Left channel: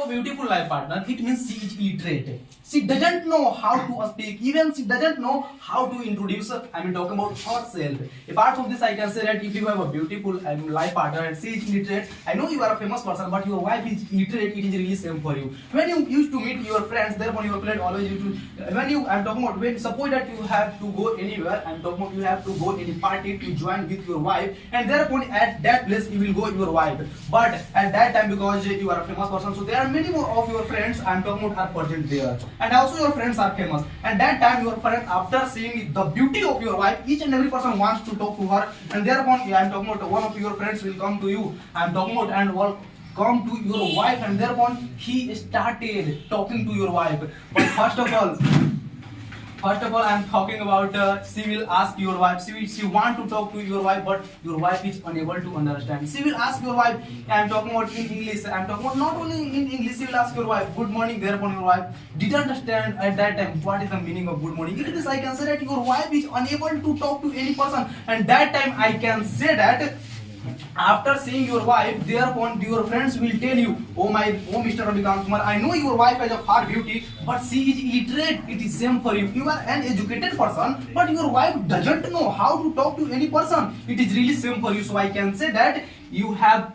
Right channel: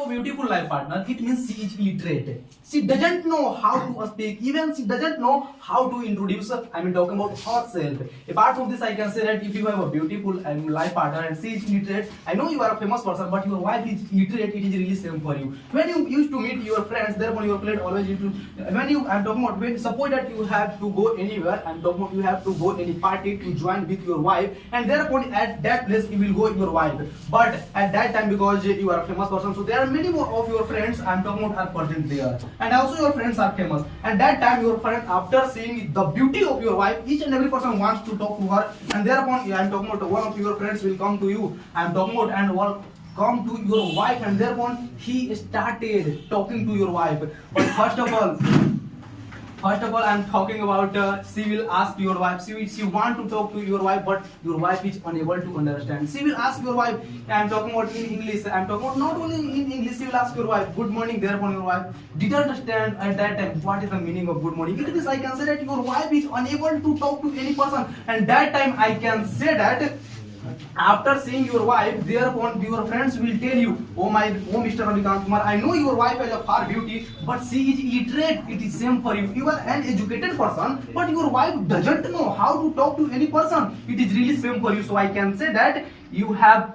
So beautiful life partner, it means she is illiterate. She doesn't know how to speak, even she doesn't know how to introduce, talking about herself. Apart from this, I can say that if you have a beautiful life partner and she is illiterate, I know you are a famous person, but your wife is illiterate, it is really same for you. When you used to meet your friends, therefore your friend always used to, I'm talking about, when suppose that you have to go anywhere, I'm talking about you have to go any party to join with your wife, and therefore at that place you will go with your wife. But at that time, because you are a famous person, so there are many more of your friends, I'm talking about, are present there, and also your friends are famous, and that time your friend, after seeing the beauty of your wife, each and every person wants to talk to her, and thereupon I'm talking about one of your friends will come to you, I'm talking about, and come to your wife, and thereupon he started talking to your wife. But first of all, I'm talking about she will ask your wife, she want to talk to your wife, but your wife is unable to understand. She will ask your wife, I'm talking about in English, I'm talking about not only in English, she will ask your wife, good morning, thereupon your wife didn't understand at that time what is the meaning of good morning. It is, I can say that your wife is unable to talk to any person, and that time I can say that after seeing your wife, thereupon your friends will tell you, oh Mr. Ravikant Kumar, I know your wife has a far beauty, but she is illiterate. It is same for you. You are an educated person, but your wife doesn't know how to talk to any person. It is really same for you. So I can say that you have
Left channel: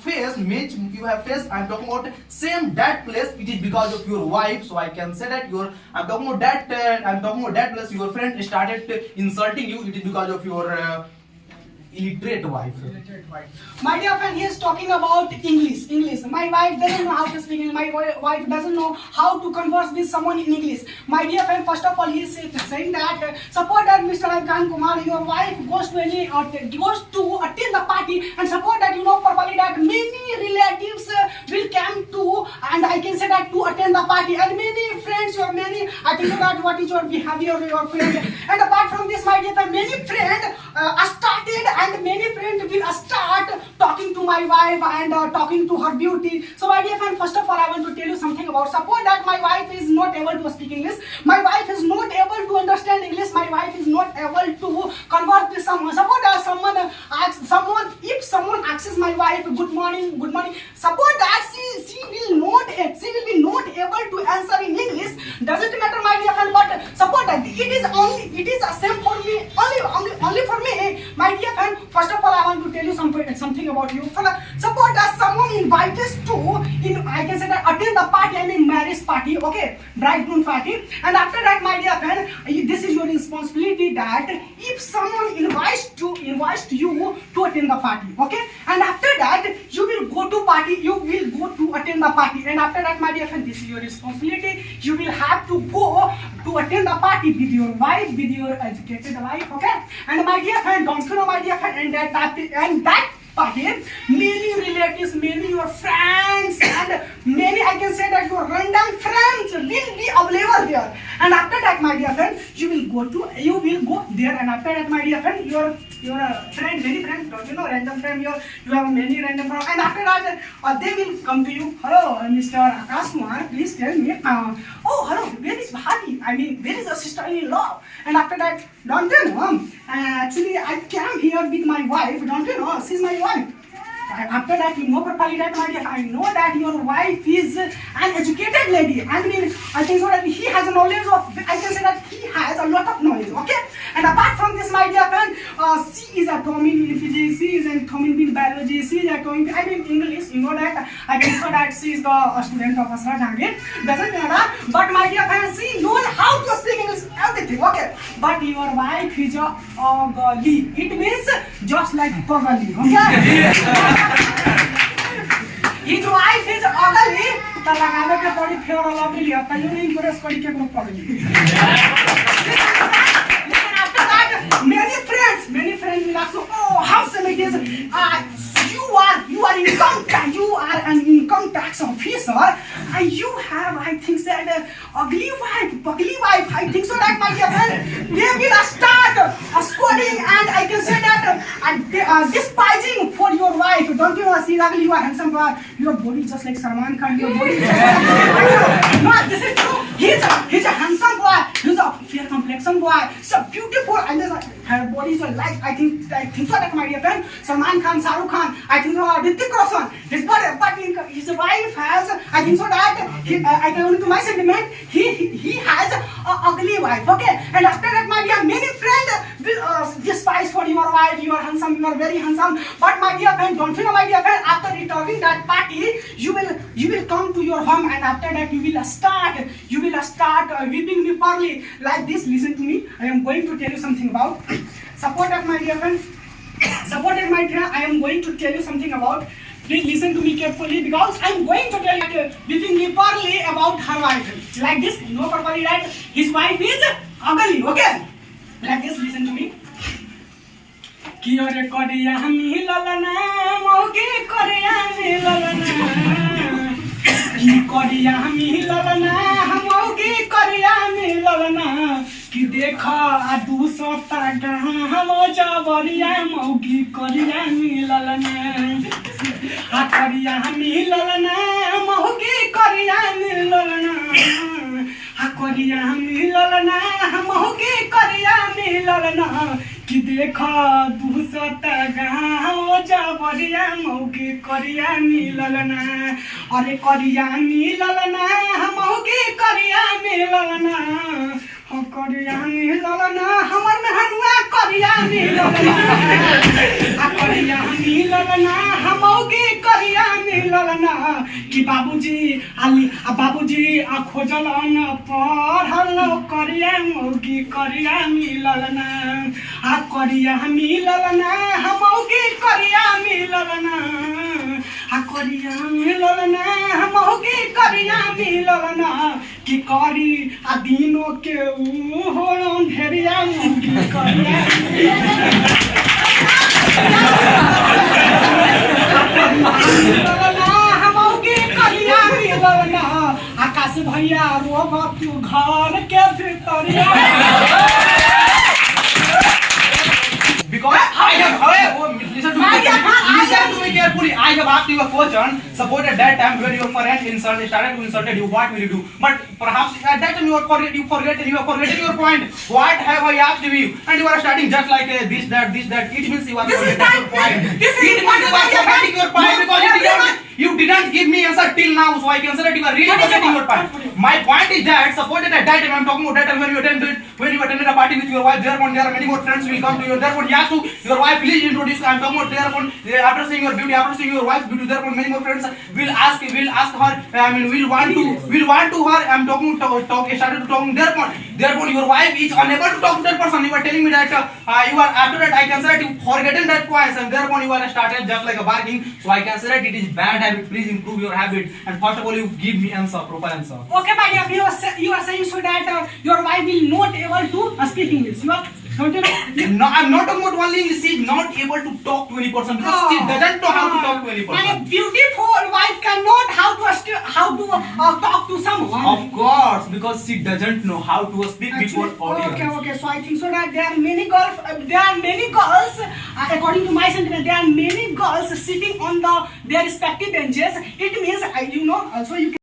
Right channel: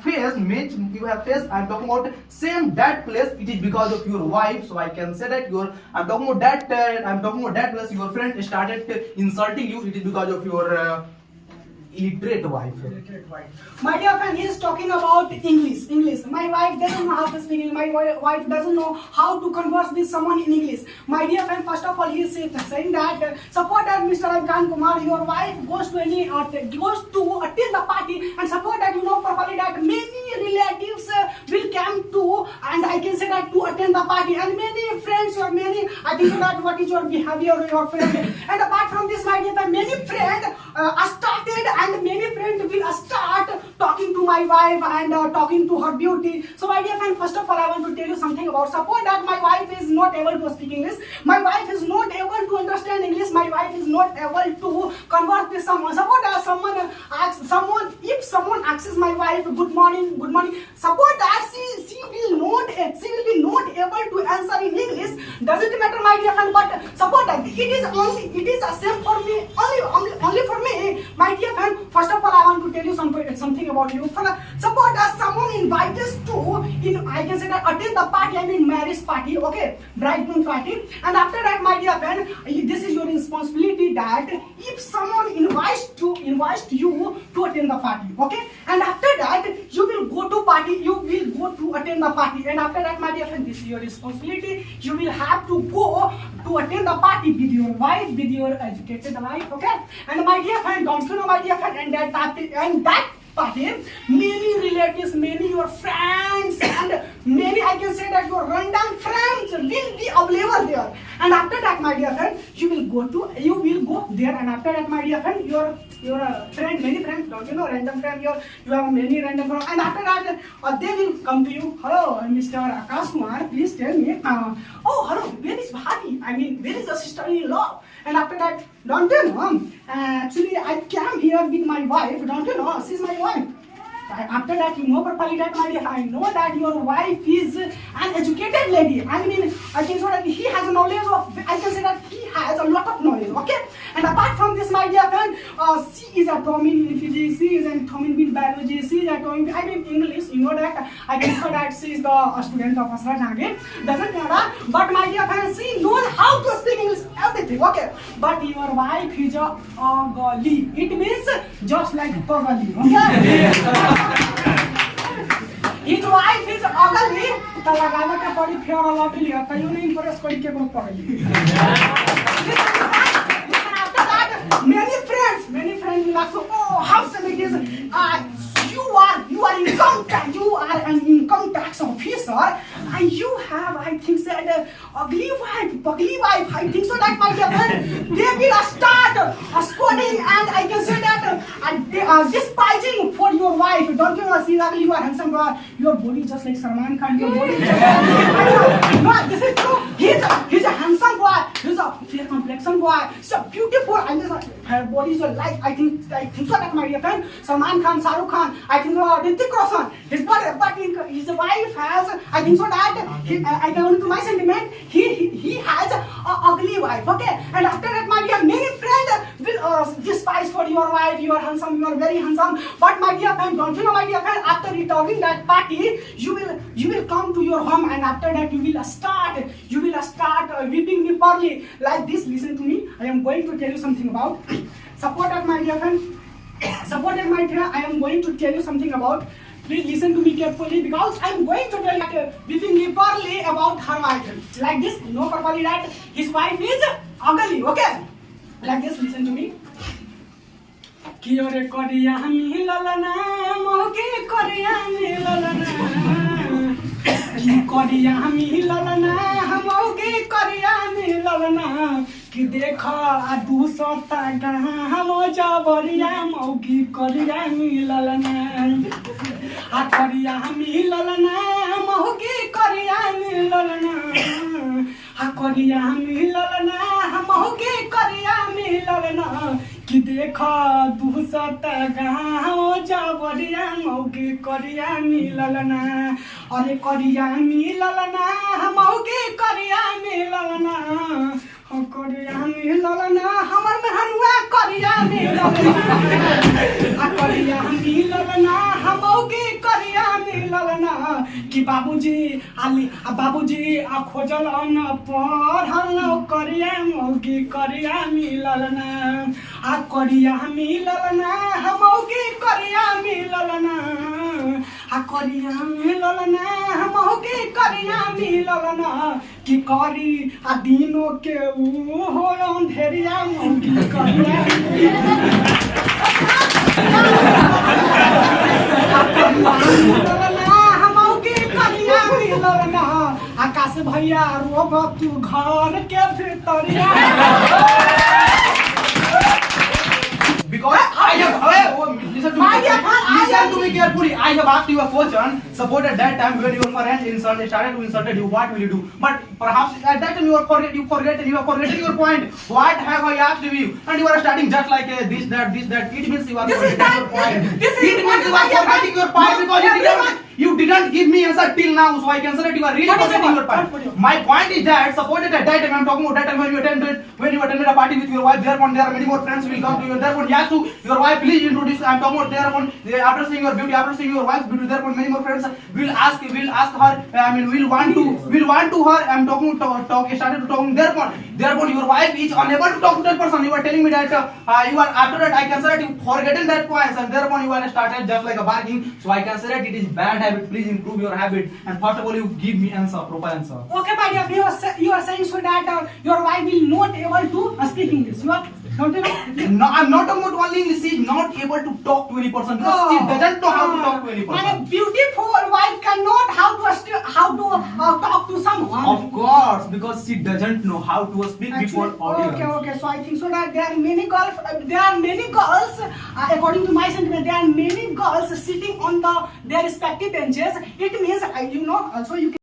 faced, I'm talking about same that place, it is because of your wife. So I can say that I'm talking about that place, your friend started insulting you, it is because of your illiterate wife. My dear friend, he is talking about English. My wife doesn't know how to speak English. My wife doesn't know how to converse with someone in English. My dear friend, first of all, he is saying that support that Mr. Ravikant Kumar, your wife goes to attend the party, and support that you know properly that many relatives will come to, and I can say that to attend the party, and many friends, I think that what is your behavior of your friend. And apart from this, my dear friend, many friends started, and many friends will start talking to my wife and talking to her beauty. So my dear friend, first of all, I want to tell you something about suppose that my wife is not able to speak English, my wife is not able to understand English, my wife is not able to converse with someone. Suppose that if someone asks my wife good morning, suppose that she will be not able to answer in English. Doesn't matter, my dear friend, but suppose that it is a same for me, only for me, my dear friend. First of all, I want to tell you something about you. Suppose that someone invites us to, I can say that attend the party, marriage party, okay, bridegroom party, and after that, my dear friend, this is your responsibility that if someone invites you to attend the party, okay, and after that you will go to attend the party, and after that, my dear friend, this is your responsibility. You will have to go to attend the party with your wife, with your educated wife, okay, and my dear friend, don't you know, my dear friend, and that party, many relatives, many your friends, and many, I can say that your random friends will be available there. And after that, my dear friend, you will go there, and after that, my dear friend, your friend, many friends, don't you know, random friend, you have many random friends, and after that, they will come to you. Hello, Mr. Akash Kumar, please tell me, oh, hello, where is Bhati? Where is the sister-in-law? And after that, don't you know, actually I came here with my wife, don't you know, she's my wife. After that, you know properly that, my dear, I know that your wife is an educated lady. I can say that he has knowledge of, I can say that he has a lot of knowledge, okay? And apart from this, my dear friend, she is atomic in physics, she is atomic in biology, she is atomic, English, you know that, I can say that she is the student of Asra Jangir, doesn't matter, but my dear friend, she knows how to speak English, everything, okay? But your wife is a ugly, it means just like ugly, okay? His wife is ugly, the lagave ka padi fair lovely, tayo ni impress kari ke kung pagli. After that, many friends will ask, oh, how some it is, you are income tax, you are an income tax officer, and you have, I think, said ugly wife, I think so that, my dear friend, they will start scolding, and I can say that despising for your wife. Don't you know, she's ugly, you are handsome, your body is just like Salman Khan, your body is just like, no, this is true, he's a handsome boy, he's a fair complexion boy, so beautiful, and just her body is like I think so that my dear friend Salman Khan, Shah Rukh Khan, I think so Hrithik Roshan, his body, but his wife has I think so that according to my sentiment he has a ugly wife. Okay, and after that my dear many friends will despise for your wife. You are handsome, you are very handsome, but my dear friend, don't you know my dear friend, after returning that party you will come to your home, and after that you will start weeping me poorly like this. Listen to me, I am going to tell you something about support at my dear friend, support at my dear, I am going to tell you something about. Please listen to me carefully because I am going to tell you weeping me poorly about her wife like this. No properly that his wife is ugly. Okay, like this. Listen to me. कि अरे करिया हमी ललना मोके करिया में ललना कि करिया हमी ललना मोके करिया में ललना कि देखा आ 200 टाका हम जबरिया मौकी करिया में ललना आ करिया हमी ललना मोके करिया में ललना आ करिया हमी ललना मोके करिया में ललना कि देखा 200 टाका जबरिया मौकी करिया मिललना अरे करिया मिललना मौकी करिया मिललना करिया मिललना हमर मेहनुआ करिया मिललना करिया मिललना मौकी करिया मिललना कि बाबूजी खोजल न पढ़ल करिया मौकी करिया मिललना आ करिया मिललना मौकी करिया मिललना आ करिया मिललना मौकी करिया मिललना कि करी आ दिनो के ऊ हो अंधेरिया मौकी करिया मिललना मौकी करिया मिललना आकाश भैया रोब तू घर के भीतरिया because listen to me carefully. I have asked you a question. Suppose at that time when your friend started to insult you, what will you do? But perhaps at that time you are forgetting your point. What have I asked you? And you are starting just like this, that. It means you are forgetting your point. It means you are forgetting your point because you didn't give me answer till now. So I can say that you are really forgetting your point. My point is that suppose that at that time I am talking about that time when you attended a party with your wife. Therefore there are many more friends will come to you. Therefore you ask to your wife, please introduce. I am talking about therefore after seeing your beauty, after seeing your wife's beauty, therefore many more friends will ask her. Will want to her. I am started to talking. Therefore your wife is unable to talk to that person. You are telling me that you are after that I can say that you forgotten that points and therefore you are started just like a bargaining. So I can say that it is bad habit. Please improve your habit and first of all you give me proper answer. Okay, my dear, you are saying so that your wife will not able to speak English. You are don't you know? No, I'm not talking about only English. She is not able to talk to any person because she doesn't know how to talk to any person. My beautiful wife cannot how to talk to someone. Of course, because she doesn't know how to speak before audience. Okay. So I think so that there are many girls. According to my sentiment, there are many girls sitting on their respective benches. It means also you can.